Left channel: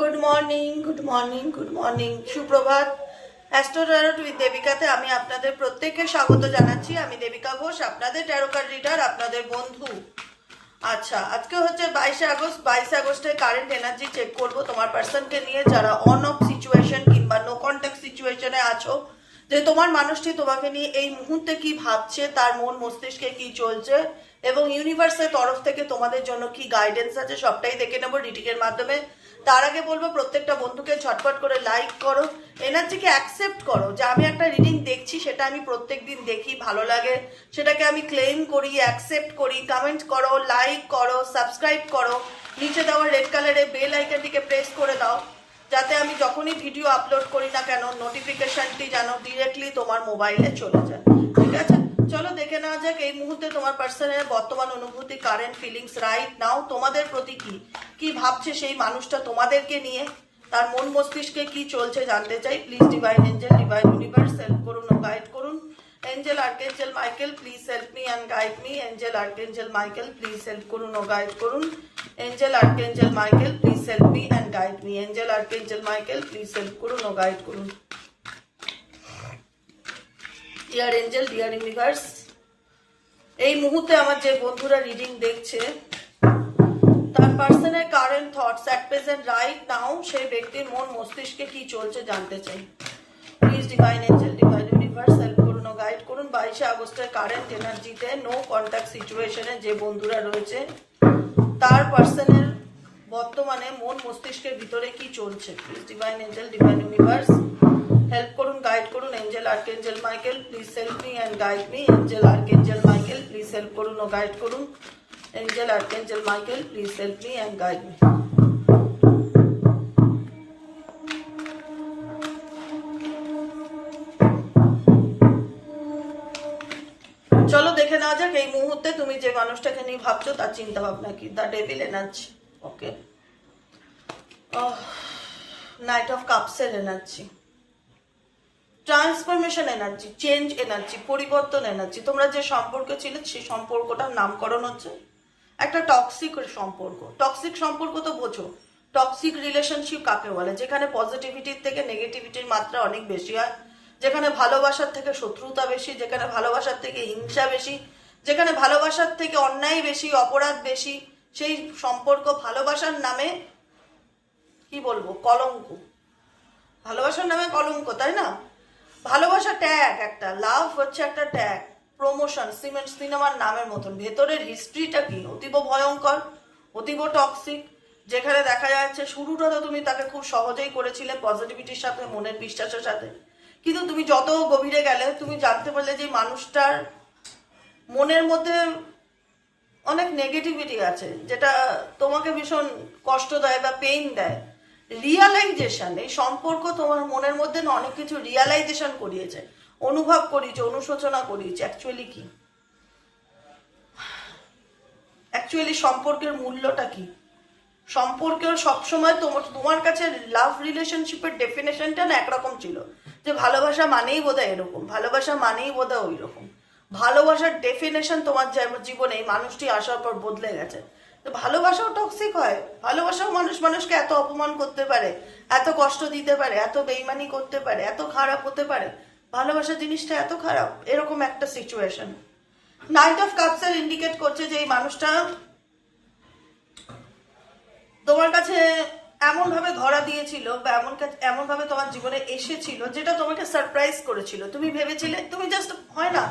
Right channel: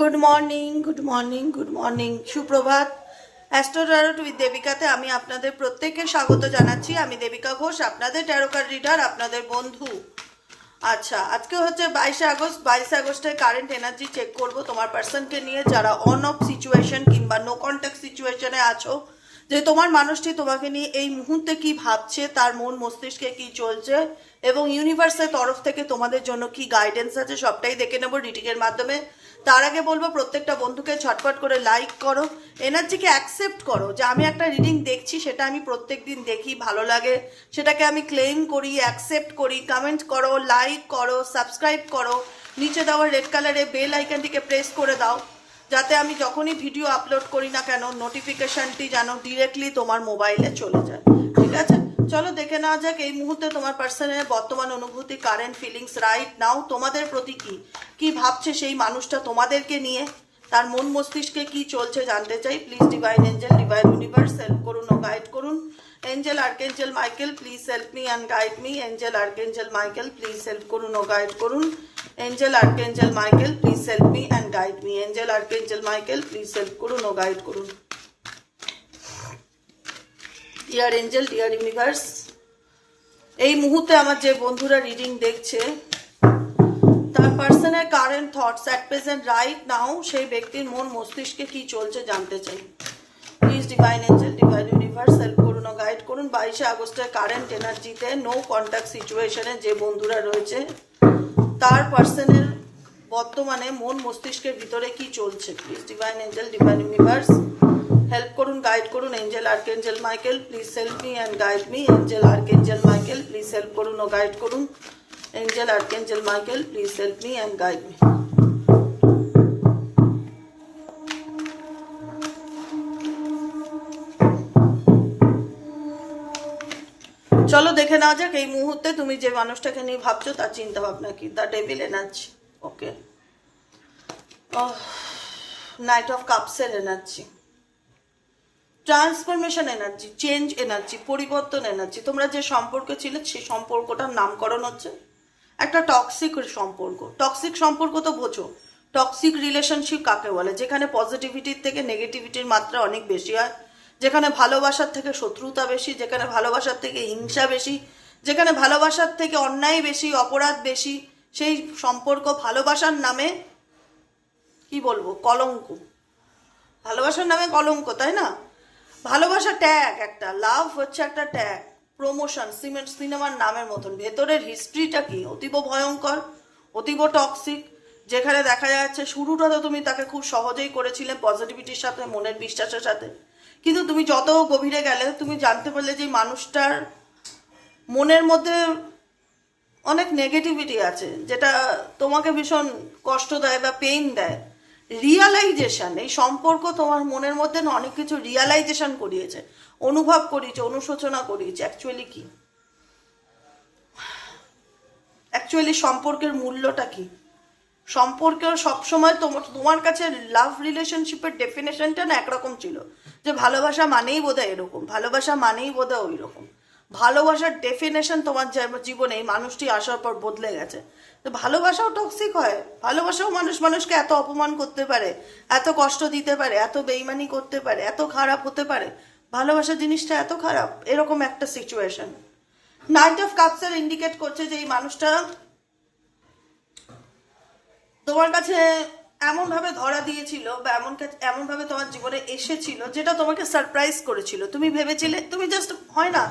Good morning good morning good morning সুপ্রভাত। অ্যাস্ট্রোটারট with দেবিকাতে আমি আপনাদের প্রত্যেককে স্বাগত জানাচ্ছি। আমি দেবিকা ঘোষ, আপনাদের ট্যারোকার রিডার আপনাদের বন্ধু। আচ্ছা আজকে হচ্ছে বাইশে আগস্ট। বাইশে আগস্টে কারেন্ট এনার্জি চেক করব তোমার পার্সনকে নিয়ে, যারা অন অফ সিচুয়েশন কিংবা নো কন্ট্যাক্ট সিচুয়েশনে আছো। যে তোমার মানুষটি তোমাকে নিয়ে এই মুহূর্তে কি ভাবছে, তার মন মস্তিষ্কে কি চলছে, এবং ইউনিভার্সের তরফ থেকে তোমাদের জন্য কি গাইডেন্স আছে, সবটাই দেখে নেব। রিটিংয়ের মাধ্যমে তার আগে বলব, প্রত্যেকটা বন্ধুকে ঝটপট করে লাইক করো এনার্জিকে অ্যাকসেপ্ট করো। যে আমি একটা রিডিং দেখছি, সেটা আমি প্রত্যেক দিন দেখি, ভালো লাগে। সেটাকে আমি ক্লেম করি অ্যাকসেপ্ট করি কমেন্ট করো লাইক করো সাবস্ক্রাইব করো। নিচে দেওয়া রেড কালারে বেল আইকনটিকে প্রেস করে দাও। যাতে আমি যখনই ভিডিও আপলোড করি না কেন নোটিফিকেশনটি যেন ডিরেক্টলি তোমার মোবাইলে চলে যায়। ঠিক আছে? চলো দেখে নেওয়া যাক এই মুহূর্তে তোমার পার্সনের বর্তমান অনুভূতি কারেন্ট ফিলিংস রাইট নাও তোমাদের প্রতি কি? কি ভাবছে সেই মানুষটা তোমাদেরকে নিয়ে? তার মন মস্তিষ্কে কি চলছে জানতে চাই। Please divine angel divine universe help করুন ও গাইড করুন। Angel archangel Michael please help me and guide me angel archangel Michael please help করুন ও গাইড করুন। Angel archangel Michael please help me and guide me angel archangel Michael please help করুন ও guide করুন। Dear angel dear universe এই মুহূর্তে আমার যে বন্ধুরা রিডিং দেখছে, তার পার্সনের current thoughts at present right now সেই ব্যক্তির মন মস্তিষ্কে কি চলছে জানতে চাই। Please divine angel divine universe help করুন গাইড করুন। বাইশে আগস্টের কারেন্ট এনার্জিতে নো কন্ট্যাক্ট সিচুয়েশনে যে বন্ধুরা রয়েছে, তার পার্সনের বর্তমানে মন মস্তিষ্কের ভিতরে কি চলছে? Please divine angel divine universe help করুন গাইড করুন angel archangel Michael please help me and guide me angel archangel Michael please help করুন ও গাইড করুন angel archangel Michael please help me and guide me চলো দেখে নেওয়া যাক, এই মুহূর্তে তুমি যে মানুষটাকে নিয়ে ভাবছ, তার চিন্তা ভাবনা কি the devil energy okay knight of কাপসের energy transformation energy, change energy, পরিবর্তন এনার্জি, তোমরা যে সম্পর্কে ছিল সেই সম্পর্কটার নামকরণ হচ্ছে একটা টক্সিক সম্পর্ক। টক্সিক সম্পর্ক তো বোঝো টক্সিক রিলেশনশিপ কাকে বলে? যেখানে পজিটিভিটির থেকে নেগেটিভিটির মাত্রা অনেক বেশি হয়, যেখানে ভালোবাসার থেকে শত্রুতা বেশি, যেখানে ভালোবাসার থেকে হিংসা বেশি, যেখানে ভালোবাসার থেকে অন্যায় বেশি, অপরাধ বেশি, সেই সম্পর্ক ভালোবাসার নামে কি বলব? কলঙ্ক। ভালোবাসার নামে কলঙ্ক, তাই না? ভালোবাসা ট্যাগ একটা লাভ হচ্ছে একটা ট্যাগ প্রমোশন সিমেন্ট সিনেমার নামের মতন। ভেতরের হিস্ট্রিটা কি? অতীব ভয়ঙ্কর, অতীব টক্সিক যেখানে দেখা যাচ্ছে শুরুটা তো তুমি তাকে খুব সহজেই করেছিলে পজিটিভিটির সাথে, মনের বিশ্বাসের সাথে। কিন্তু তুমি যত গভীরে গেলে, তুমি জানতে পারলে যে মানুষটার মনের মধ্যে অনেক নেগেটিভিটি আছে, যেটা তোমাকে ভীষণ কষ্ট দেয় বা পেইন দেয়। রিয়ালাইজেশন এই সম্পর্ক তোমার মনের মধ্যে না অনেক কিছু রিয়ালাইজেশন করিয়েছে, অনুভব করিয়েছে, অনুশোচনা করিয়েছে অ্যাকচুয়ালি কি? অ্যাকচুয়ালি সম্পর্কের মূল্যটা কি? সম্পর্কেও সবসময় তোমার তোমার কাছে লাভ রিলেশনশিপের ডেফিনেশনটা না একরকম ছিল, যে ভালোবাসা মানেই বোধহয় এরকম, ভালোবাসা মানেই বোধহয় ওই রকম ভালোবাসার ডেফিনেশন তোমার জীবনে, এই মানুষটি আসার পর বদলে গেছে। তো ভালোবাসাও টক্সিক হয়। ভালোবাসাও মানুষ মানুষকে এত অপমান করতে পারে, এত কষ্ট দিতে পারে, এত বেইমানি করতে পারে, এত খারাপ হতে পারে। ভালোবাসা জিনিসটা এত খারাপ, এরকম একটা সিচুয়েশন নাইট অফ কাপসের ইন্ডিকেট করছে যে এই মানুষটা তোমার কাছে এমন ভাবে ধরা দিয়েছিল বা এমন এমন ভাবে তোমার জীবনে এসেছিল যেটা তোমাকে সারপ্রাইজ করেছিল। তুমি ভেবেছিলে, তুমি জাস্ট হয় না।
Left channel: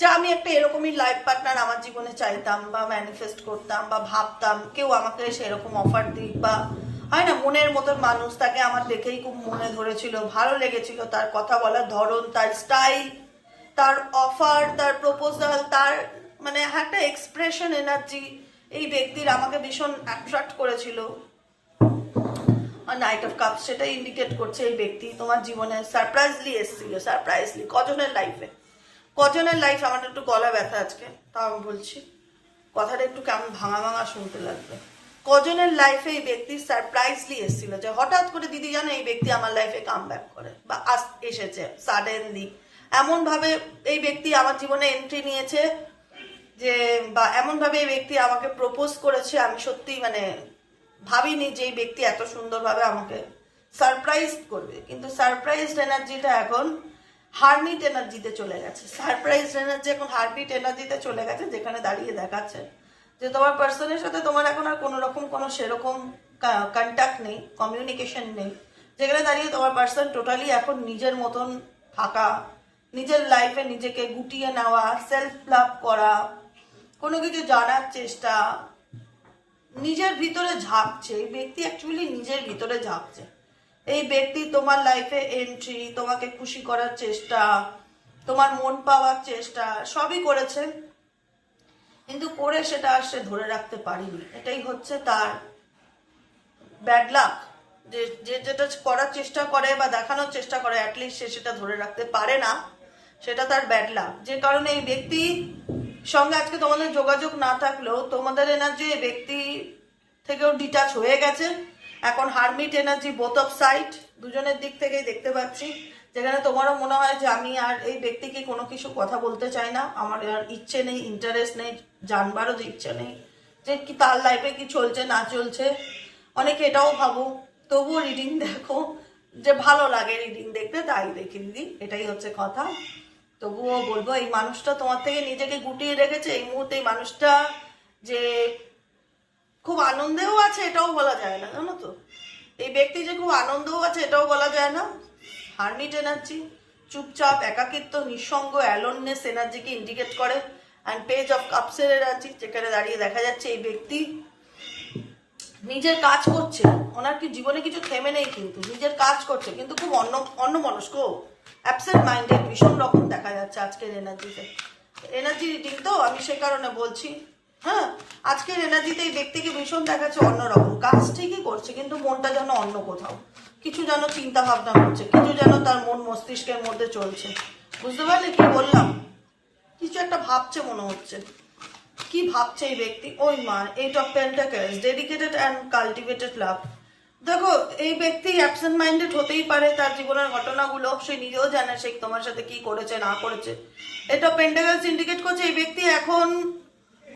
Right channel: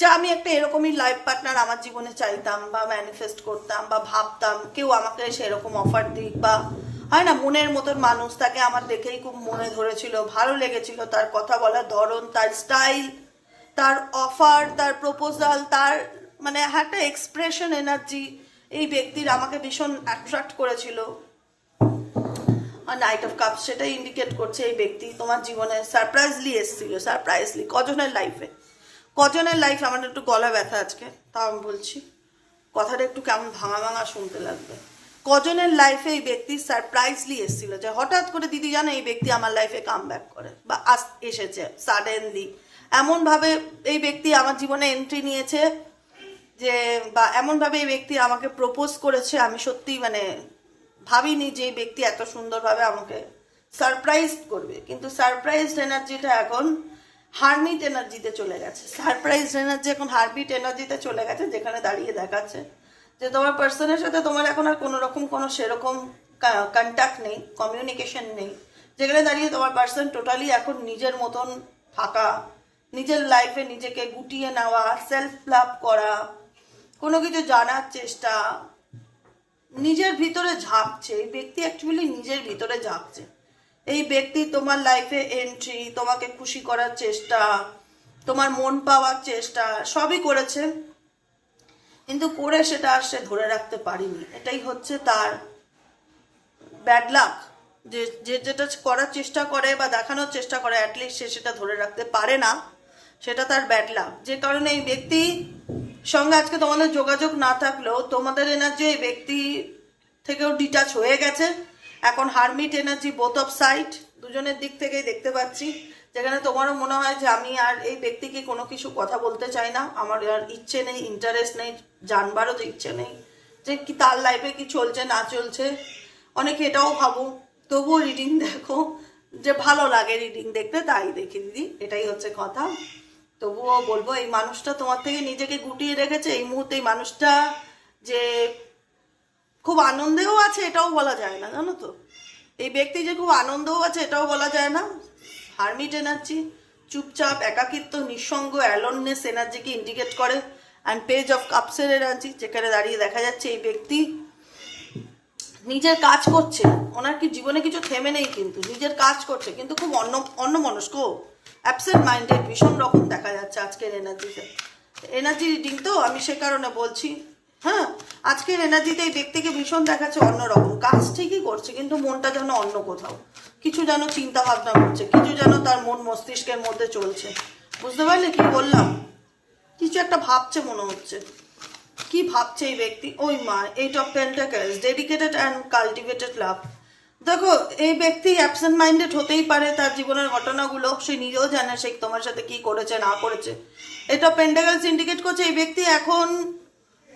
যে আমি একটা এরকমই লাইফ পার্টনার আমার জীবনে চাইতাম বা ম্যানিফেস্ট করতাম বা ভাবতাম, কেউ আমাকে সেরকম অফার দিক বা হয় না, মনের মতন মানুষ, তাকে আমার দেখেই খুব মনে ধরেছিল, ভালো লেগেছিল, তার কথা বলার ধরন, তার স্টাইল তার অফার তার প্রপোজাল তার মানে একটা এক্সপ্রেশন এনার্জি এই ব্যক্তির আমাকে ভীষণ অ্যাট্রাক্ট করেছিল। নাইট অফ কাপ সেটাই ইন্ডিকেট করছে এই ব্যক্তি তোমার জীবনে সারপ্রাইজলি এসেছিল সারপ্রাইজলি কজনের লাইফে কজনের লাইফ আমার একটু গলা ব্যথা আজকে, তাও আমি বলছি। কথাটা একটু কেমন ভাঙা ভাঙা শুনতে লাগবে। কজনের লাইফে এই ব্যক্তি সারপ্রাইজলি এসেছিল যে হঠাৎ করে, দিদি, জানো, এই ব্যক্তি আমার লাইফে কাম ব্যাক করে বা আস, এসেছে সাডেনলি এমনভাবে এই ব্যক্তি আমার জীবনে এন্ট্রি নিয়েছে যে, বা এমনভাবে এই ব্যক্তি আমাকে প্রপোজ করেছে, আমি সত্যি মানে ভাবিনি যে এই ব্যক্তি এত সুন্দরভাবে আমাকে সারপ্রাইজ করবে। কিন্তু সারপ্রাইজ এনার্জিটা এখন হারমিট এনার্জিতে চলে গেছে। সারপ্রাইজ এনার্জি এখন হারমিট এনার্জিতে চলে গেছে, যেখানে দাঁড়িয়ে দেখাচ্ছে। যে তোমার পার্সনের সাথে তোমার এখন আর কোনো রকম কোনো সেরকম কন্ট্যাক্ট নেই কমিউনিকেশন নেই। যেখানে দাঁড়িয়ে তোমার পার্সন টোটালি এখন নিজের মতন থাকা, নিজের লাইফে নিজেকে গুটিয়ে নেওয়া সেলফ লাভ করা, কোনো কিছু জানার চেষ্টা, নিজের ভিতরে ঝাঁকছে ব্যক্তি অ্যাকচুয়ালি নিজের ভিতরে ঝাঁকছে। এই ব্যক্তি তোমার লাইফে এন্ট্রি তোমাকে খুশি করার চেষ্টা, তোমার মন পাওয়ার চেষ্টা, সবই করেছে। কিন্তু করে সেটা আর সে ধরে রাখতে পারিনি। এটাই হচ্ছে তার ব্যাড লাক যে যে যেটা করার চেষ্টা করে বা দেখানোর চেষ্টা করে অ্যাটলিস্ট সে সেটা ধরে রাখতে পারে না। সেটা তার ব্যাড লাক যে কারণে এই ব্যক্তি সঙ্গে আজকে তোমাদের যোগাযোগ না থাকলেও তোমাদের এনার্জি এই ব্যক্তি থেকেও ডিটাচ হয়ে গেছে। এখন hermit energy both of side দুজনের দিক থেকেই দেখতে পাচ্ছি। যেখানে তোমারও মনে হয় যে আমি আর এই ব্যক্তিকে কোনো কিছু কথা বলতে চাই না। আমার আর ইচ্ছে নেই ইন্টারেস্ট নেই, জানবারও যে ইচ্ছে নেই যে কি তার লাইফে কি চলছে, না চলছে। অনেকে এটাও ভাবো, তবুও রিডিং দেখো যে ভালো লাগে রিডিং দেখতে, তাই দেখি দিদি, এটাই হচ্ছে কথা। তবুও বলব, এই মানুষটা তোমার থেকে নিজেকে গুটিয়ে রেখেছে। এই মুহূর্তে এই মানুষটা যে খুব আনন্দেও আছে, এটাও বলা যায় না, জানো তো? এই ব্যক্তি যে খুব আনন্দও আছে, এটাও বলা যায় না? হারমিট এনার্জি চুপচাপ, একাকিত্ব, নিঃসঙ্গ অ্যালোননেস এনার্জিকে ইন্ডিকেট করে অ্যান্ড পেজ অফ কাপসের এনার্জি যেখানে দাঁড়িয়ে দেখা যাচ্ছে এই ব্যক্তি নিজের কাজ করছে। ওনার কি জীবনে কিছু থেমে নেই কিন্তু, নিজের কাজ করছে, কিন্তু খুব অন্য অন্য মনস্ক অ্যাবসেন্ট মাইন্ডেড ভীষণ রকম দেখা যাচ্ছে আজকের এনার্জিতে এনার্জি রিডিং তো আমি সে কারণে বলছি হ্যাঁ আজকের এনার্জিতে এই ব্যক্তিকে ভীষণ দেখাচ্ছে অন্যরকম কাজ ঠিকই করছে, কিন্তু মনটা যেন অন্য কোথাও। কিছু যেন চিন্তা ভাবনা করছে, কিছু যেন তার মন মস্তিষ্কের মধ্যে চলছে। বুঝতে পারলে কি বললাম? কিছু একটা ভাবছে মনে হচ্ছে। কি ভাবছে এই ব্যক্তি? ওই মা eight of pentacles dedicated and cultivated love দেখো, এই ব্যক্তি অ্যাবসেন্ট মাইন্ডেড হতেই পারে তার জীবনের ঘটনাগুলো, সে নিজেও জানে সে তোমার সাথে কি করেছে, না করেছে। এটা পেন্টাকেলস ইন্ডিকেট করছে, এই ব্যক্তি এখন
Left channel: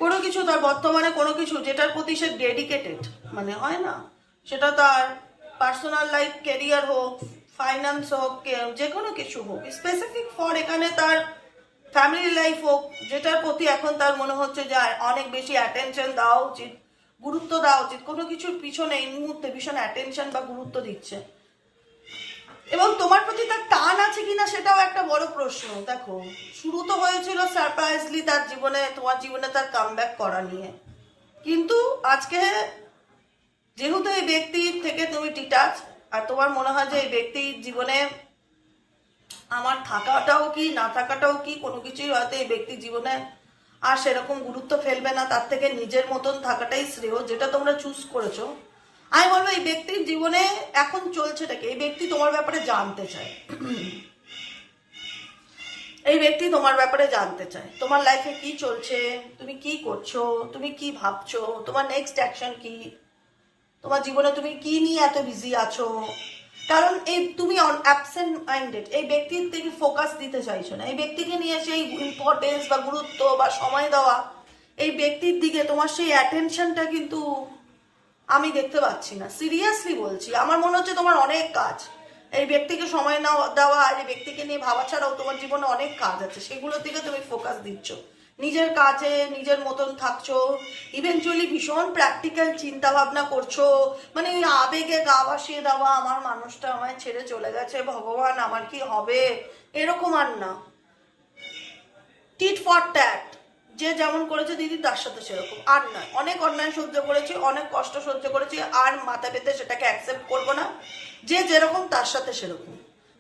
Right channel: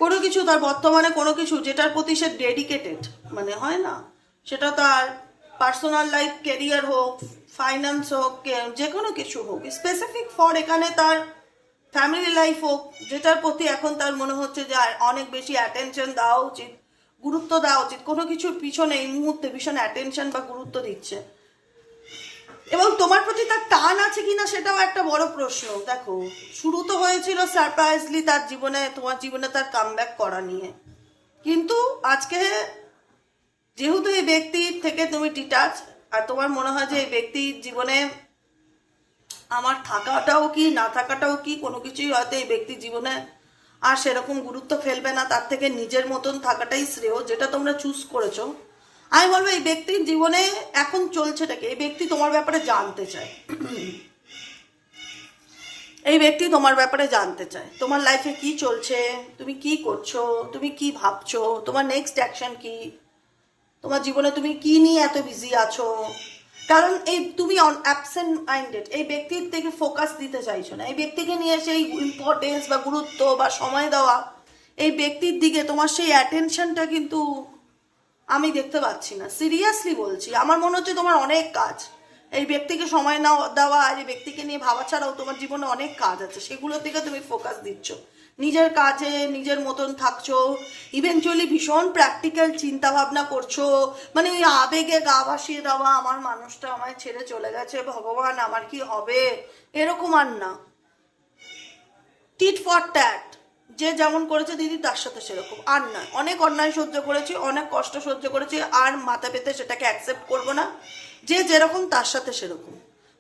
কোনো কিছু তার বর্তমানে কোনো কিছু যেটার প্রতি সে ডেডিকেটেড মানে হয় না। সেটা তার পার্সোনাল লাইফ ক্যারিয়ার হোক ফাইন্যান্স হোক যে কোনো কিছু হোক। স্পেসিফিক ফর এখানে তার ফ্যামিলি লাইফ হোক, যেটার প্রতি এখন তার মনে হচ্ছে যে অনেক বেশি অ্যাটেনশন দেওয়া উচিত, গুরুত্ব দেওয়া উচিত। কোনো কিছুর পিছনে এই মুহূর্তে ভীষণ অ্যাটেনশন বা গুরুত্ব দিচ্ছে। এবং তোমার প্রতি তার টান আছে কিনা সেটাও একটা বড় প্রশ্ন, দেখো। শুরু তো হয়েছিল সারপ্রাইজলি তার জীবনে, তোমার জীবনে তার কামব্যাক করা নিয়ে। কিন্তু আজকে যেহেতু এই ব্যক্তির থেকে তুমি ডিটাচ আর তোমার মনে হয় যে এই ব্যক্তির জীবনে আমার থাকাটাও কি, না থাকাটাও কি, কোনো কিছুই হয়তো এই ব্যক্তির জীবনে আর সেরকম গুরুত্ব ফেলবে না, তার থেকে নিজের মতন থাকাটাই শ্রেয়, যেটা তোমরা চুজ করেছ। আমি বলব, এই ব্যক্তির জীবনে এখন চলছেটাকে, এই ব্যক্তি তোমার ব্যাপারে জানতে চায়। এই ব্যক্তি তোমার ব্যাপারে জানতে চায়। তোমার লাইফে কি চলছে? তুমি কি করছ? তুমি কি ভাবছ? তোমার নেক্সট অ্যাকশন কি? তোমার জীবনে তুমি কি নিয়ে এত বিজি আছো? কারণ এই তুমি অ্যাবসেন্ট মাইন্ডেড এই ব্যক্তির থেকে ফোকাস দিতে চাইছো না। এই ব্যক্তিকে নিয়ে সেই ইম্পর্টেন্স বা গুরুত্ব বা সময় দেওয়া, এই ব্যক্তির দিকে তোমার সেই অ্যাটেনশনটা কিন্তু আমি দেখতে পাচ্ছি না। সিরিয়াসলি বলছি, আমার মনে হচ্ছে তোমার অনেক কাজ। এই ব্যক্তিকে সময় না দেওয়া আর এই ব্যক্তিকে নিয়ে ভাবা ছাড়াও তোমার জীবনে অনেক কাজ আছে। সেগুলোর দিকে তুমি ফোকাস দিচ্ছ। নিজের কাজে, নিজের মতন থাকছো ইভেনচুয়ালি ভীষণ প্র্যাকটিক্যাল চিন্তা ভাবনা করছ। মানে ওই আবেগে গা ভাসিয়ে দেওয়া, আমার মানুষটা আমায় ছেড়ে চলে গেছে, ভগবান, আমার কি হবে? এরকম আর না। টিট ফর ট্যাট যে যেমন করেছে দিদি তার সাথে সেরকম। আর নয় অনেক অন্যায় সহ্য করেছি, অনেক কষ্ট সহ্য করেছি, আর মাথা পেতে সেটাকে অ্যাকসেপ্ট করব না। যে যেরকম তার সাথে সেরকম।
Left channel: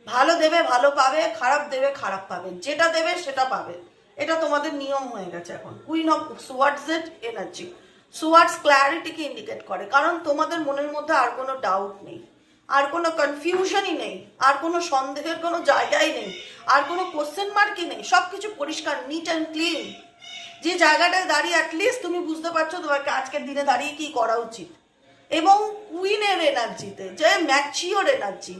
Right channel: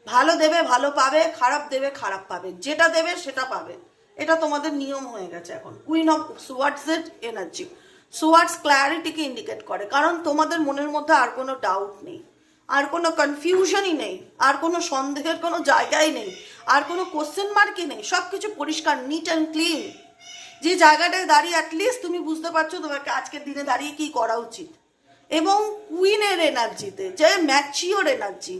ভালো দেবে, ভালো পাবে, খারাপ দেবে, খারাপ পাবে। যেটা দেবে, সেটা পাবে। এটা তোমাদের নিয়ম হয়ে গেছে এখন। কুইন অফ সুয়ার্ডস এর এনার্জি সুয়ার্ডস ক্ল্যারিটিকে ইন্ডিকেট করে। কারণ তোমাদের মনের মধ্যে আর কোনো ডাউট নেই। আর কোনো কনফিউশনই নেই। আর কোনো সন্দেহের কোনো জায়গাই নেই। আর কোনো কোশ্চেন মার্কই নেই। সব কিছু পরিষ্কার নিট অ্যান্ড ক্লিন যে জায়গাটায় দাঁড়িয়ে অ্যাটলিস্ট তুমি বুঝতে পারছ তোমাকে আজকের দিনে দাঁড়িয়ে কি করা উচিত। এবং কুইনের এনার্জিতে যে ম্যাচিওর এনার্জি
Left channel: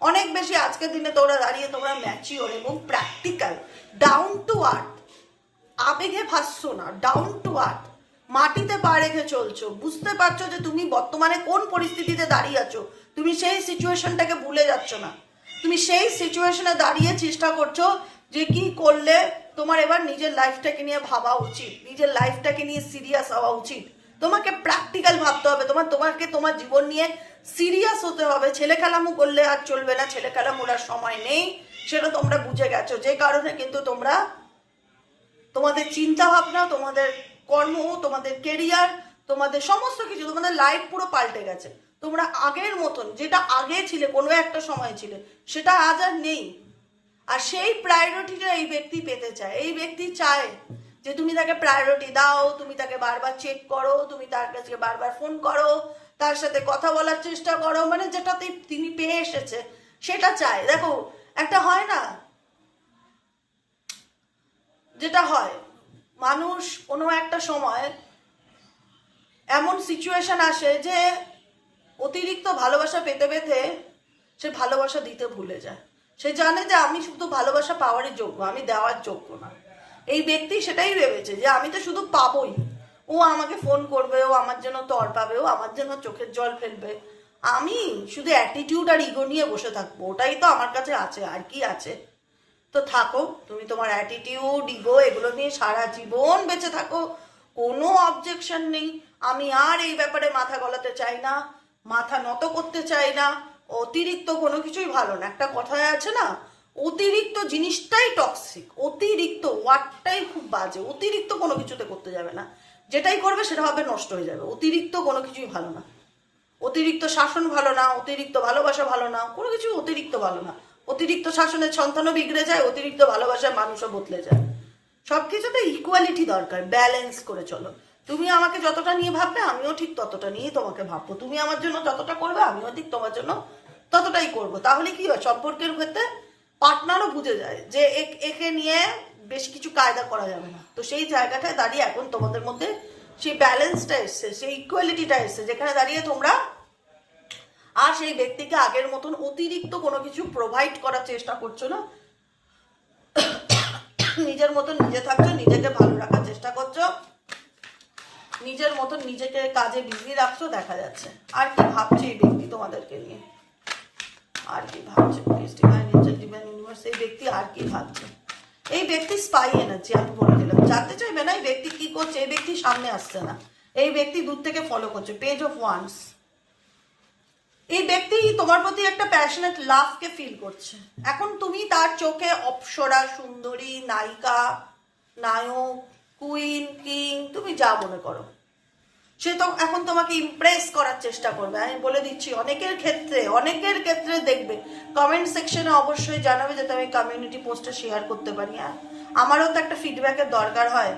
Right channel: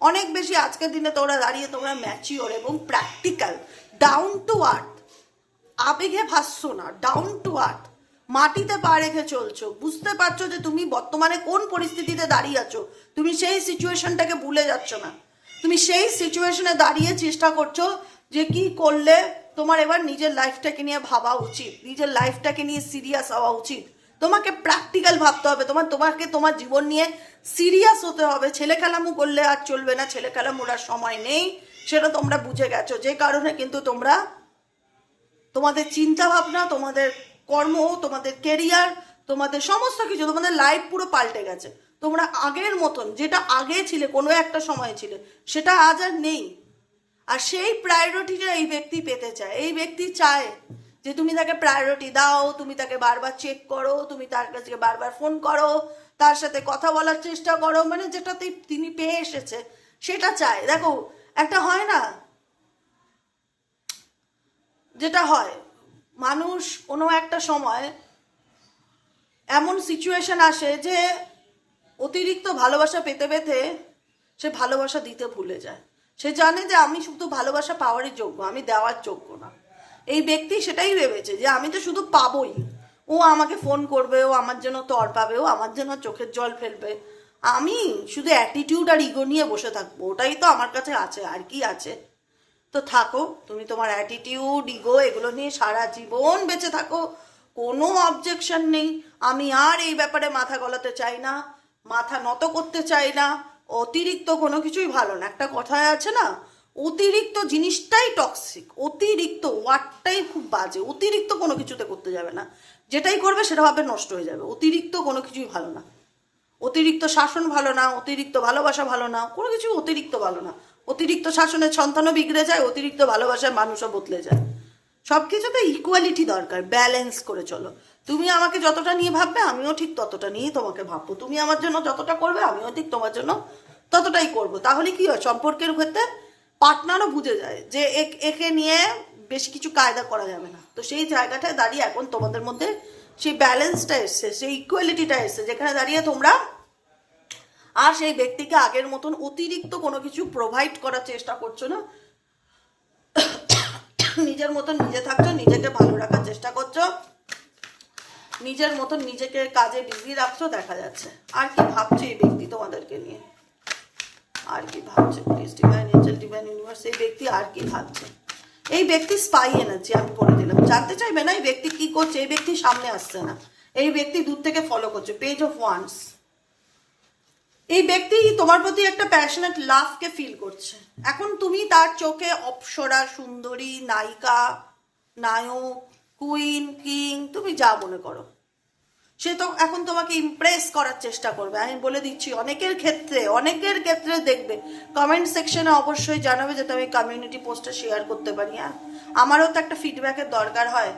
অনেক বেশি আজকের দিনে তোমরা দাঁড়িয়ে তোমরা ম্যাচিওর এবং প্র্যাকটিক্যাল ডাউন টু আর্থ আবেগে ভাসছো না ডাউন টু আর্থ মাটিতে পা রেখে চলছো, বুঝতে পারছ যে তুমি বর্তমানে কোন পরিস্থিতিতে দাঁড়িয়ে আছো, তুমি সেই সিচুয়েশনটাকে ভুলে যাচ্ছ না। তুমি সেই সিচুয়েশনে দাঁড়িয়ে চেষ্টা করছ যে কি করলে তোমার এবার নিজের লাইফটাকে নিয়ে ভাবা উচিত, নিজের লাইফটাকে নিয়ে সিরিয়াস হওয়া উচিত। তোমাকে প্র্যাকটিক্যাল ভাবতে হবে, তোমার, তোমাকে তোমার জীবন নিয়ে সিরিয়াস হতে হবে। ছেলে খেলামু করলে আর চলবে না, ছেলে খেলামুর আর সময় নেই, সেটা তোমরা বুঝে গেছো। যে কারণে কিন্তু তোমরা, তোমাদের চিন্তা ভাবনা তোমাদের কর্ম, তোমাদের কেরিয়ার তোমাদের সমস্ত কিছু, তোমাদের লাইফ পুরো পাল্টে গেছে। তোমরা আগের মতন, যেটা আগে ছিলে, কোনো একটা সময় ছিলে, সেটা আজ আর নেই। আর সেই প্রায়োরিটিটা এই ব্যক্তি পেতে চায়। এই ব্যক্তি চায় যে তুমি তাকে প্রায়োরিটি দাও, তুমি তাকে বারবার চেক করো, তুমি তার কাছে বারবার ফোন করো, তার সাথে কথা বলার চেষ্টা করো মানে যেটাতে তিনি পেয়ে এসেছে, সেটা চায়। দেখো, একটা হয় না? যেটা হয়, মানুষ কোনো একটা সময় এমন সিচুয়েশন আসে যে অতিরিক্ত ভালোবাসা পেতে পেতে সে ভালোবাসা দিতে ভুলে যায়। সে জানে যে আমি শুধু ভালোবাসা পাওয়ারই যোগ্য, আমি দেওয়ার যোগ্য না। এই ব্যক্তি সেটাই ভেবেছে যে আমি তো শুধু পাবোই। ও আমাকে ফোন করবে, ও আমার জন্য তর পাবে, ও আমার জন্য চোখের জল ফেলবে। আমি শুধু অ্যাটিটিউড আর ইগো নিয়ে বসে থাকব, ওটাই তো আমার কাছে আছে, আর কি আছে? তো থাকো, তুমি তোমার অ্যাটিটিউড ইগো এগুলো নিয়ে সারা জীবন বেঁচে থাকো, কোনো অবজেকশন নেই। আমি আর এই ব্যাপারে মাথা গলাতে চাই না, মাথা নত করতে চাই না অতিরিক্ত কোনো কিছুই ভালো না। একটা কথায় আছে না, অতিরিক্ত জিনিসটাই টক্সিক অতিরিক্ত ওয়ার্ডটাই খুব বাজে। অতিরিক্ত কোনো কিছুতে করতে যাবে না। যেটাই করবে সেটা ভাবে নষ্ট হয়ে যাবে। অতিরিক্ত কোনো কিছুই ভালো না। অতিরিক্ত শাসন ভালো না, অতিরিক্ত ভালোবাসা ভালো না, কোনো কিছু অতিরিক্ত ভালো না। অতিরিক্ত শাসনের সন্তানও বিগড়ে যায়, অতিরিক্ত ভালোবাসায় মানুষও বদলে যায়। সব কিছুতে ইকুয়ালিটি দরকার ব্যালেন্স করে চলো। তুমি আমাকে যতটা নিয়ে ভাববে, আমিও ঠিক ততটা নিয়ে তোমাকে ভাববো। তুমি আমার জন্য যতটা করবে, আমিও ঠিক তোমার জন্য ততটাই করব। তাহলে কি হয়? সম্পর্কের ক্ষেত্রে পার্টনারও বুঝে যায় যে একে নিয়ে বেশি কিছু কায়দা করা যাবে না। তো সেই জায়গাটায় দাঁড়িয়ে এখন তোমাদের মধ্যে সেই ব্যালেন্সটা এসছে, সেই ইকুয়ালিটিটা এসছে, যেখানে দাঁড়িয়ে তোমরা আর সেই ব্যক্তিকে আগের মতন অতিরিক্ত কোনো কিছু প্রোভাইড করার চেষ্টা করছ না। নিজের মতন নিজে থাকছো, নিজেকে ভালো রাখার চেষ্টা করছ, নিজের মতন নিজেকে কাজে বিজি রাখছো, দেখা যাচ্ছে। আর কি ভাবছে এই ব্যক্তি তোমাদেরকে নিয়ে? আর কি ভাবছে? Please divine angel divine universe এই ব্যক্তি আর কি এই ব্যক্তি স্পাই এনার্জি আমি বলে দিলাম। জানতে চাইবে না এই ব্যক্তি কি করছে, এই ব্যক্তি সামনে আসছে না। এই ব্যক্তি দূর থেকে ফলো করছে পেজ অফ ওয়ান্স এই ব্যক্তি তোমার প্রতি একটা প্যাশনেট লাভকে ফিল করছে। এখন তুমি তার চোখে অপ্সরা, সুন্দরী, নায়িকা, নায়ক কুইন কিং তুমি যা মনে করো। সে তো এখন তোমাকে ইমপ্রেস করার চেষ্টা করবে। আমি বলে দিচ্ছি, অনেকের ক্ষেত্রে অনেকের ক্ষেত্রে দেখবে। কমেন্ট সেকশনে অবশ্যই জানাবে যাতে আমি কমিউনিটি পোস্টটা শেয়ার করতে পারি আর আমারও তো একটা ফিডব্যাকের দরকার হয়।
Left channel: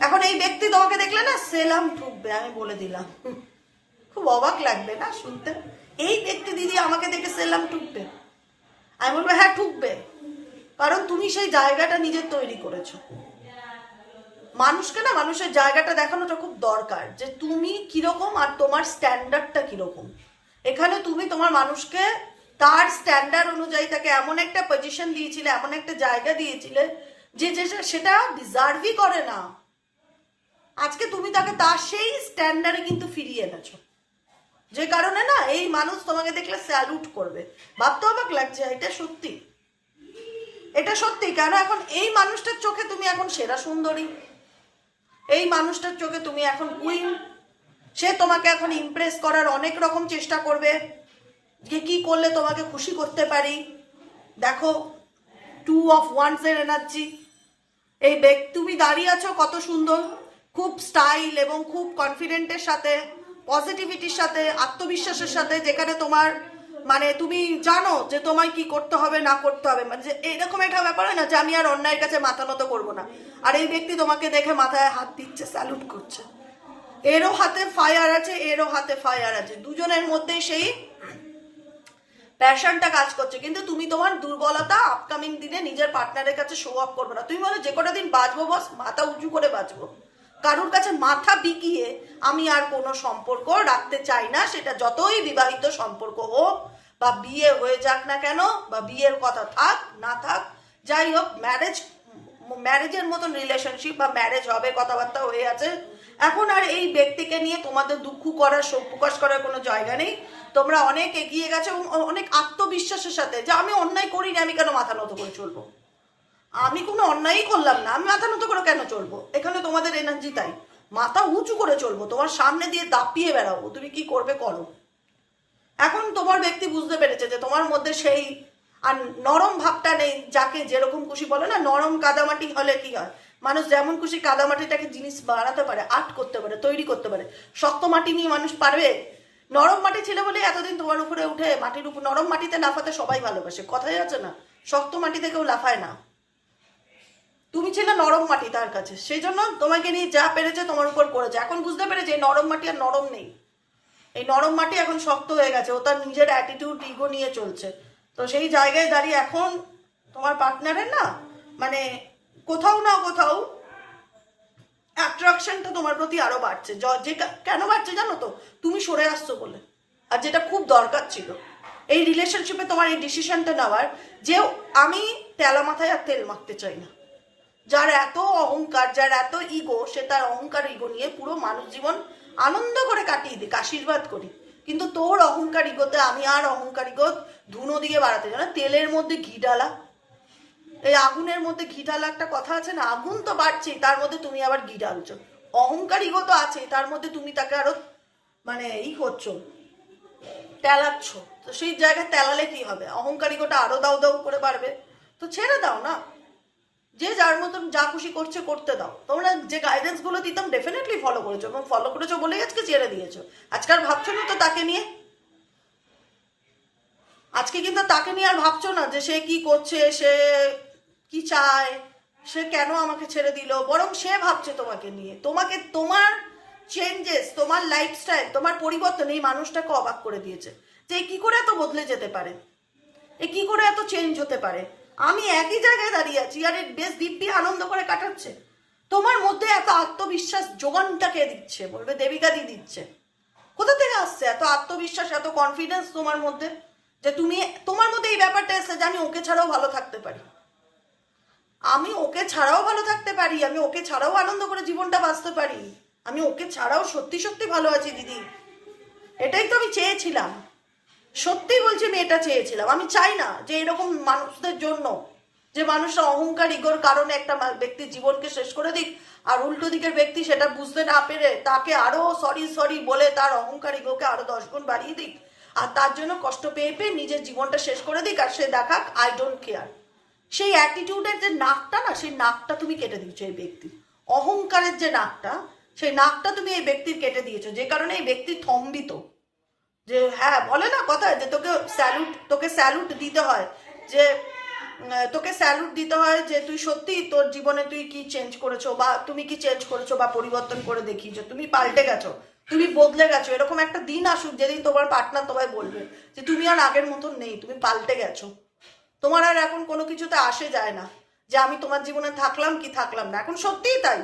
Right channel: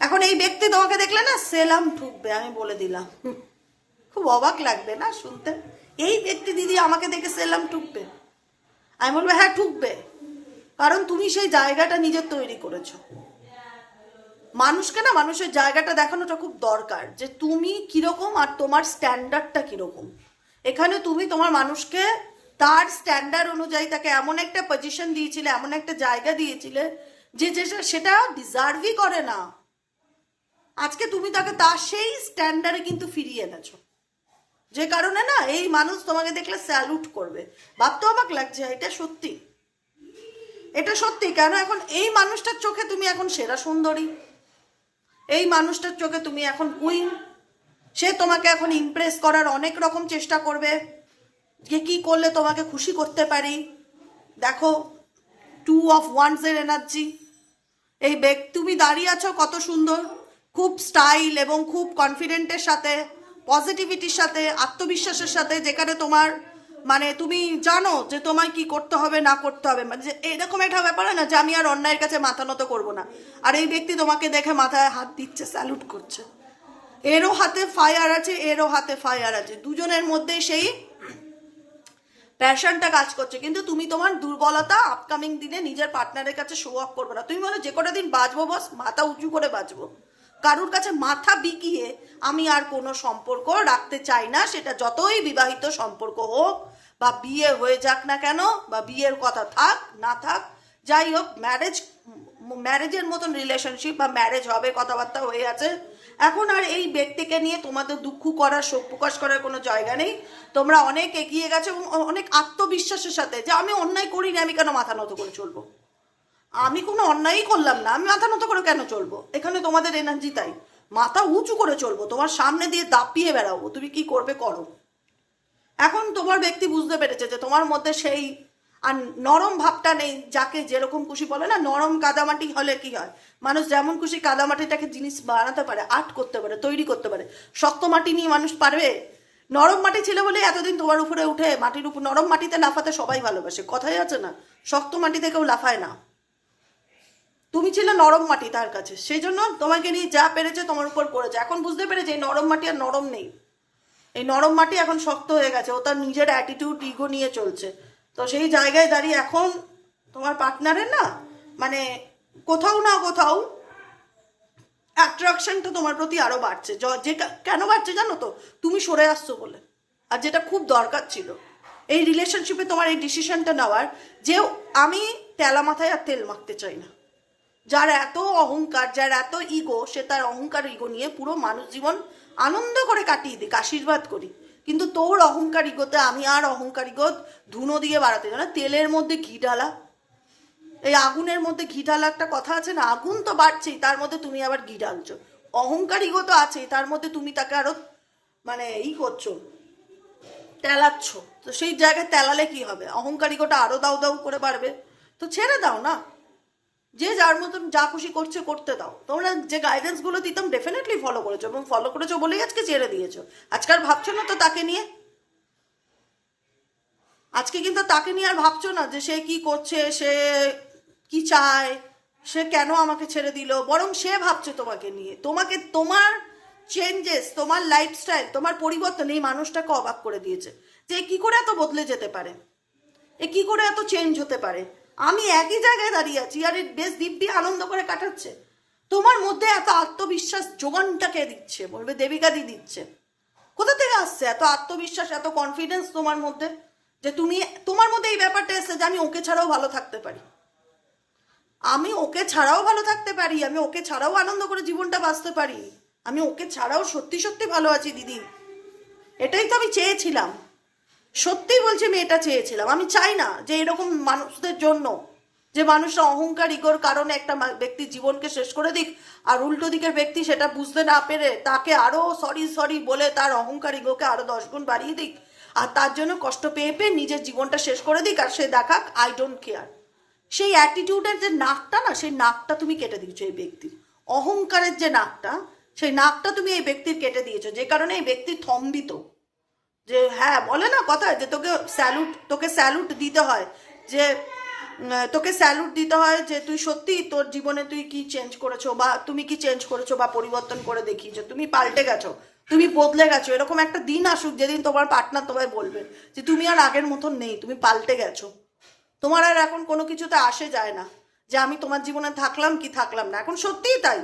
এখন এই ব্যক্তি তোমাকে দেখলে না সেলাম ঠুকবে, আমি বলে দিলাম। খুব অবাক লাগবে না শুনতে? এই ব্যক্তি দিদি আমাকে দেখে সেলাম ঠুকবে। আমি বলব হ্যাঁ ঠুকবে। কারণ তুমি সেই জায়গাটা নিজের তৈরি করেছ। মানুষকে না মানুষের জায়গাটা দেখানোটা খুব দরকার যে তুমি কীরকম আর তোমার স্ট্যান্ডার্ডটা কীরকম। এখানে তুমি তোমার মানুষকে তার স্ট্যান্ডার্ড অনুযায়ী তাকে এমন একটা পজিশন দিয়েছিলে, এমন একটা জায়গা দিয়েছিলে যে যে সেটা ডিজার্ভই করে না। আজকে তুমি তাকে তার সেই স্ট্যান্ডার্ডে কিন্তু ফিরিয়ে এনেছো। যে কারণে না এই মানুষ তোমাকে দেখলে স্যালুট করবে। ভাবতে অবাক লাগছে, এটা সত্যি। এটা সত্যি, কেন এখন এই মানুষটার চোখে তুমি এখন সেরা সুন্দরী? এই মানুষটার চোখে তুমি এখন কুইন সে তোমাকে এখন ইমপ্রেস করার অনেক রকম চেষ্টা করবে। যে কি করলে তোমাকে খুশি করতে পারি? দেখো টু অফ ওয়ান্স এর এনার্জি এই ব্যক্তি তুমি দাঁড়িয়ে আছো কত সুন্দর। খুব স্টাইল এবং খুব কনফিডেন্টের সাথে পজিটিভিটির সাথে, আত্মবিশ্বাসের সাথে, যেখানে তোমার মানে তুমি জানো যে তোমায় কি করতে হবে, না করতে হবে। মানে এরকম একটা ব্যাপার হয় না যে আমি আর অন্যায়ের কাছে মাথা নত করব না। আর এই ব্যক্তি তোমাকে দেখে মাথায় হাত দিচ্ছে স্যালুট করছে। এরও হাতে ফায়ার আছে, এরও হাতে ফায়ার আছে। দুজনের মধ্যে সেই প্যাশনটা কাজ করছে। কিন্তু তুমি তোমার দুর্বলতা আপকামিং দিনে নিজের পার্টনারের কাছে শো অফ করবে না। তুমি বলো, যে কটা দিন বাঁচবো বস মাথা উঁচু করে বাঁচবো কারোর কাছে মাথা বিকিয়ে আমি আর কোনো সম্পর্ক রাখতে চাই না। সেটা যতই বিবাহিত সম্পর্ক হোক বা বিয়ে হয়ে যাক না কেন বা বিয়ের কথা থাক, না থাক, যাই হোক ম্যারেজ ম্যারেজের মতন রিলেশনশিপ বা ম্যারেজ হবে, কথাবার্তা হয়ে আছে। এখন আর এই ব্যক্তিকে নিয়ে তোমাদের দুঃখ করার, শোক প্রকাশ করার কোনো জায়গা নেই। তোমরা অনেক এগিয়ে গেছো এবং অনেক আত্মবিশ্বাসের সাথে। যে আমি অন্যায় করিনি, আমি কেন মাথা নত করে চলবো? আমি কোনো অন্যায়ই করলাম না। আমি মাথা নত করে কেন চলবো? এখানে তোমাদের এনার্জি তাই। মাথা উঁচু করে চলবো। তোমার সামনে দিয়ে দাপিয়ে বেড়াবো। তুমি কি করবে, করো। এখন তোমার ব্যক্তি বুঝতে পেরেছে যে তোমার মধ্যে সেই আর নরম ভাবটা নেই যাকে যেরকম খুশি বলে না, নরম কাদামাটি হলে কি হয়? মানুষ যেমন খুশি কাদামাটিটাকে জিনিস বানাতে পারে, আর্ট করতে পারে, তৈরি করতে পারে। শক্ত মাটি নিয়ে মানুষ পারবে? নরম মাটি ছিল বলে এতদিন তোমার উপরে উঠে মাটির উপর, নরম মাটিতে লাফাতে সবাই ভালোবাসে। কথাই আছে না, শক্ত মাটিতে কেউ লাফায় না। তুমি ছিলে নরম মাটি তার কাছে। সেই জন্য তোমাকে নিয়ে যা পেরেছে তোমার উপর করেছে। এখন বুঝতে পেরেছে নরম মাটি আর নরম নেই। এই নরম মাটি এখন শক্ত হয়ে গেছে, ও তার নিজের অ্যাটিটিউড ইগো নিয়ে চলছে। তো সেই জায়গায় দাঁড়িয়ে এখন তোমার পার্টনারের না মানে কোথাও না কোথাও অ্যাট্রাকশনটা তোমার প্রতি আরও বাড়ছে। য- যে কেন বাড়ছে জানো তো? তুমি সরে আসছো বলে। আর যেটা খুব দরকার ছিল, এই রিলেশনশিপে তোমার এই ডিসিশনটা নেওয়ার যে আমি তেলা মাথায় আর তেল মাখতে চাই না। যার এত অহংকার, যার এত ইগো সে তার অহংকার ইগো নিয়ে পুরো মানুষ জীবন আনন্দ করে কাটিয়ে দিক আশীর্বাদ করি। কিন্তু তোর অহংকার ইগোতে আমি আর অহংকার ইগো ধুনো দিয়ে বাড়াতে জানো তেলের মধ্যে ঘি ডালা এই আগুনের মধ্যে ঘি ঢালা একটা কথা আছে না? আগুন তো বাড়ছেই, তার মধ্যে তুমি আবার ঘি ঢালছো। অহংকার তো আছেই, তার মধ্যে তুমি তাকে আরও মানে ই করছ, তেলাচ্ছ। তো সেই জায়গায় তেলালে কি হবে? অহংকার ইগোটা আরও দাও দাও করে পারবে তো ছেড়ে দাও না? যে যার মতন যা খুশি করছে, করতে দাও। তোমরা যে গাইডেন্সগুলো দিতাম ডেফিনেটলি ফলো করেছ এবং ফলো করেছ বলেই আজকে ছেড়ে দিয়েছ। আজকাল ভাবছ না তো তাকে নিয়ে? আজকে কিন্তু তাকে নিয়ে আর ভাবছ না যে সে কি করছে, সে কি চায়, সে কেন আমাকে ছেড়ে দিল? বরং সে ভাবছে তোমাকে নিয়ে। তোমাকে তোমার চেঞ্জেস তোমার লাইফস্টাইল তোমার পরিবর্তন এই মানুষটাকে অবাক করে দিয়েছে। যে কি করে এত বদলে যেতে পারে? এ কি করে এত চেঞ্জ হতে পারে? আমি একই জায়গায় দাঁড়িয়ে আছি, আর বেশ দিব্যি আনন্দ করে কাটাচ্ছে। তোমার মধ্যে এত আত্মবিশ্বাস যোগানটা কে দিচ্ছে? বলবে দেবিকা দি দিচ্ছে। কোথা থেকে আসছে এত আত্মবিশ্বাস, এত কনফিডেন্স তোমার মধ্যে? যে তুমি, তোমার মধ্যে এই ব্যাপারটা এসছে যে আমি ওকে ছাড়াও ভালো থাকতে পারি। আমি ওকে ছাড়াও ভালো থাকতে পারি, আমি ওকে ছাড়াও আনন্দ করে জীবনটা বাঁচতে পারি। আমি ওকে ছাড়াও সত্যি সত্যি ভালো আছি, দিদি। এটাই তো আমি চেয়েছিলাম। সত্যি বলছি, আমি এটা চেয়েছিলাম। আমি চাই না যে এরকম মানুষদের জন্য, যে মানুষরা অহংকার, ইগোর কারণে একটা ব্যক্তির জীবনকে শেষ করে দিক, আর উল্টো দিকের ব্যক্তি সেটা বুঝতে না পেরে তাকে আরও সরি সরি বলে তার অহংকার, ইগোকে আরও দশ গুণ বাড়িয়ে দিক, আর তার জন্য কষ্ট পেয়ে পেয়ে নিজের জীবনটা শেষ করে দিক, আর সে দেখাক আই ডোন্ট কেয়ার সেই অ্যাটিটিউডের যে নাকটা না, সেই নাকটা তুমি কেটে দিয়েছ এই ব্যক্তির অহংকারের যে নাকটা, সেই নাকটা তুমি এই ব্যক্তির কেটে দিয়েছ, যে কারণে এই ব্যক্তি থম্বিত যে হ্যাঁ বলে না কথা, যে তোকে স্যালুট তোকে স্যালুট দিতে হয়, যে তোকে স্যালুট দিতে হয় যে, তুই সত্যি তোর জীবনে তুই কি চেঞ্জ করেছ বা তুমি কি চেঞ্জ করেছ বা পরিবর্তন করে দেখিয়েছো তুমি পাল্টে গেছো, তুমি বদলে গেছো, এরকম একটা দিন আসুক যেদিন তোমার পার্টনার তোমায় বলবে যে, তুমি আর আগের মতন নেই, তুমি পাল্টে গেছো। তোমার আর এখন কোনো কিছুতে আসে যায় না, যে, আমি তোমার জীবনে থাকলাম কি থাকলাম না। এখন সত্যিই তাই।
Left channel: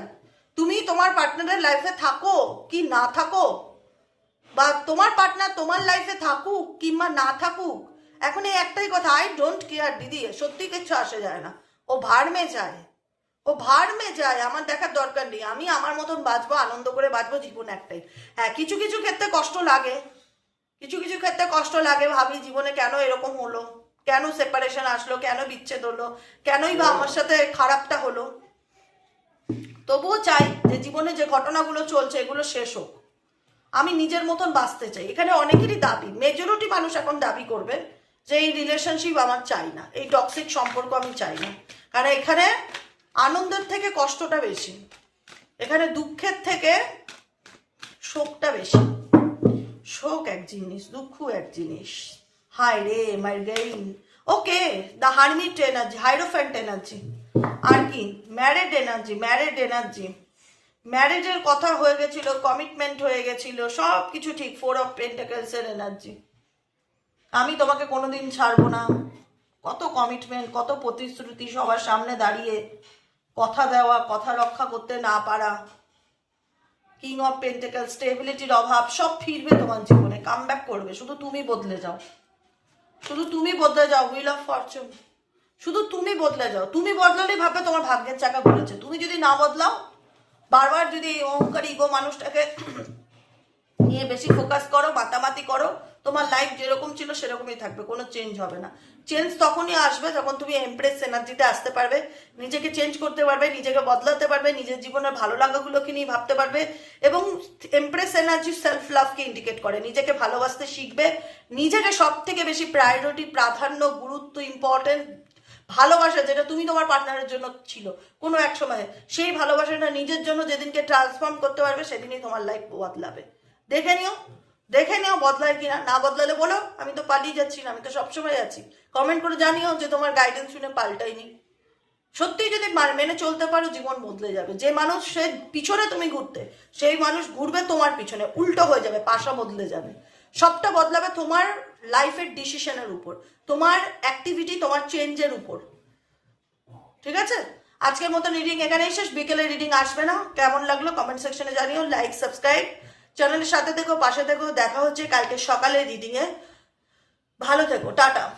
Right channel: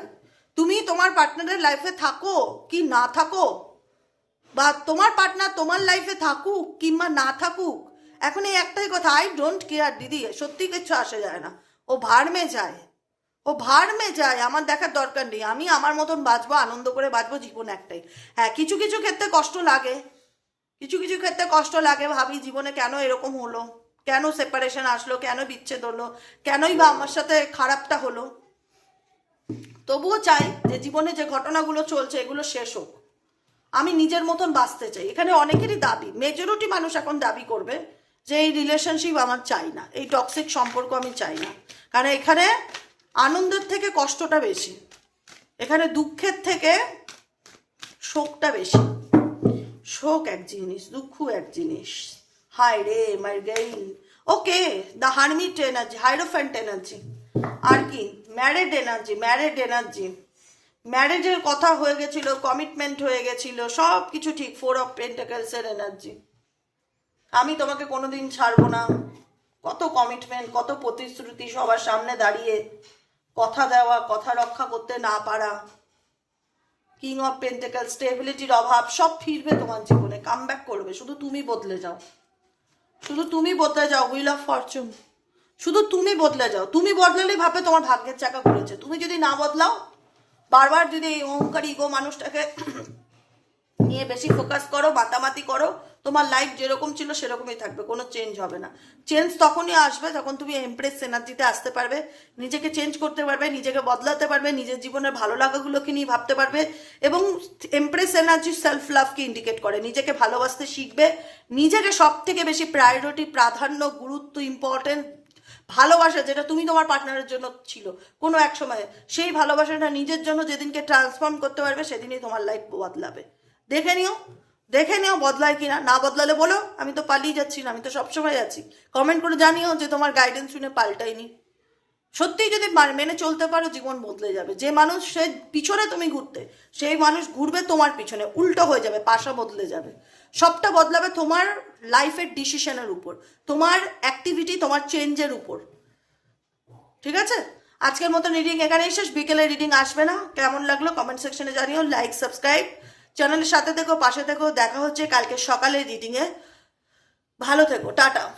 তুমি তোমার পার্টনারের লাইফে থাকো কি না থাকো বা তোমার পার্টনার তোমার লাইফে থাকুক কিংবা না থাকুক, এখন এই একটাই কথা আই ডোন্ট কেয়ার দিদি, সত্যি কিছু আসে যায় না। ও ভাড়মে যায়। ও ভাড়মে যায়, আমার দেখার দরকার নেই। আমি আমার মতন বাঁচবো, আনন্দ করে বাঁচবো জীবন একটাই। হ্যাঁ কিছু কিছু ক্ষেত্রে কষ্ট লাগে। কিছু কিছু ক্ষেত্রে কষ্ট লাগে, ভাবি জীবনে কেন এরকম হলো? কেন সেপারেশন আসলো? কেন বিচ্ছেদ হলো? কেনই বা আমার সাথে খারাপটা হলো? তবুও চাই যে জীবনে যে ঘটনাগুলো চলছে, এগুলো শেষ হোক। আমি নিজের মতন বাঁচতে চাই। এখানে অনেকেরই দাবি মেজরিটি মানুষ এখন দাবি করবে যে এই রিলেশনশিপ আমার চাই না, এই টক্সিক সম্পর্ক আমি চাই না। কারণ এখানে আনন্দের থেকে কষ্টটা বেশি, এখানে দুঃখের থেকে শোকটা বেশি। শোক এক জিনিস, দুঃখ এক জিনিস। হাই রে মাই gain okay the hermit energy hierophant energy আর কি ম্যারেড এনার্জি ম্যারেড এনার্জি ম্যারেজের কথা হয়ে গেছিল কমিটমেন্ট হয়ে গেছিল, সব কিছু ঠিক ফোর অফ পেন্টাকেলস এর এনার্জি আমি তোমাকে কোনোদিন ছাড়বো না। কত কমিটমেন্ট কত প্রতিশ্রুতি সবার সামনে দাঁড়িয়ে কথা দেওয়া, কথা রক্ষা করতে না পারা। কিং অফ পেন্টেকাল স্টেবিলিটির অভাব, সব ফিরবে তোমার জীবনে কাম ব্যাক করবে। শুধু তুমি বদলে যাও। শুধু তুমি বদলে যাও হুইল অফ ফরচুন শুধু তুমি বদলে যাও। তুমি বদলালে ভাবে তোমার ভাগ্যের চাকা ঘুরেছে তুমি যদি না বদলাও বারবার যদি এই অহংকারী ইগো মানুষটাকে নিয়ে বেশি ফোকাস করো, মাতামাতি করো, তোমার লাইফ যেরকম ছিল সেরকমই থাকবে, কোনো চেঞ্জ হবে না। চেঞ্জ তখনই আসবে যখন তুমি এমপ্রেস এনার্জিতে আসতে পারবে, নিজেকে চেঞ্জ করতে পারবে, নিজেকে বদলাতে পারবে, নিজের জীবনের ভালো লাগাগুলোকে নিয়ে ভাবতে পারবে এবং এমপ্রেস এনার্জি সেলফ লাভকে ইন্ডিকেট করে। নিজেকে ভালোবাসতে শিখবে। নিজেকে সব থেকে বেশি প্রায়োরিটি প্রাধান্য, গুরুত্ব ইম্পর্টেন্ট ভালোবাসা যেটা তুমি তোমার পার্টনারের জন্য ছিল, কোনো এক সময়ে। সেই ভালোবাসাটা নিজের জন্য যেদিনকে ট্রান্সফর্ম করতে পারবে, সেদিনই তোমার লাইফ বদলাবে। দেখে নিও দেখে নিও বদলায় কিনা। না বদলালে বলো, আমি তো পালিয়ে যাচ্ছি না, আমি তো সবসময় যাচ্ছি কমেন্ট করে জানিও যে তোমার গাইডেন্স শুনে পাল্টাইনি সত্যি যদি মেনে চলতে পারো, জীবন বদলে যাবে। যে মানুষ, সে পিছনে তুমি ঘুরতে, সেই মানুষ ঘুরবে তোমার পিছনে। উল্টো হয়ে যাবে, পাশা বদলে যাবে। সবটা বদলাবে তোমার লাইফের ডিসিশনের উপর। তোমার অ্যাক্টিভিটি তোমার চেঞ্জের উপর। ঠিক আছে? আজকের মতো রিডিং এখানেই শেষ। বিকেলে রিডিং আসবে না। কেমন লাগল কমেন্ট সেকশনে জানিও। লাইক সাবস্ক্রাইব চ্যানেলের সাথে থেকো, পাশে থেকো। দেখা হচ্ছে কালকে সকালে রিডিংয়ে ভালো থেকো। টাটা।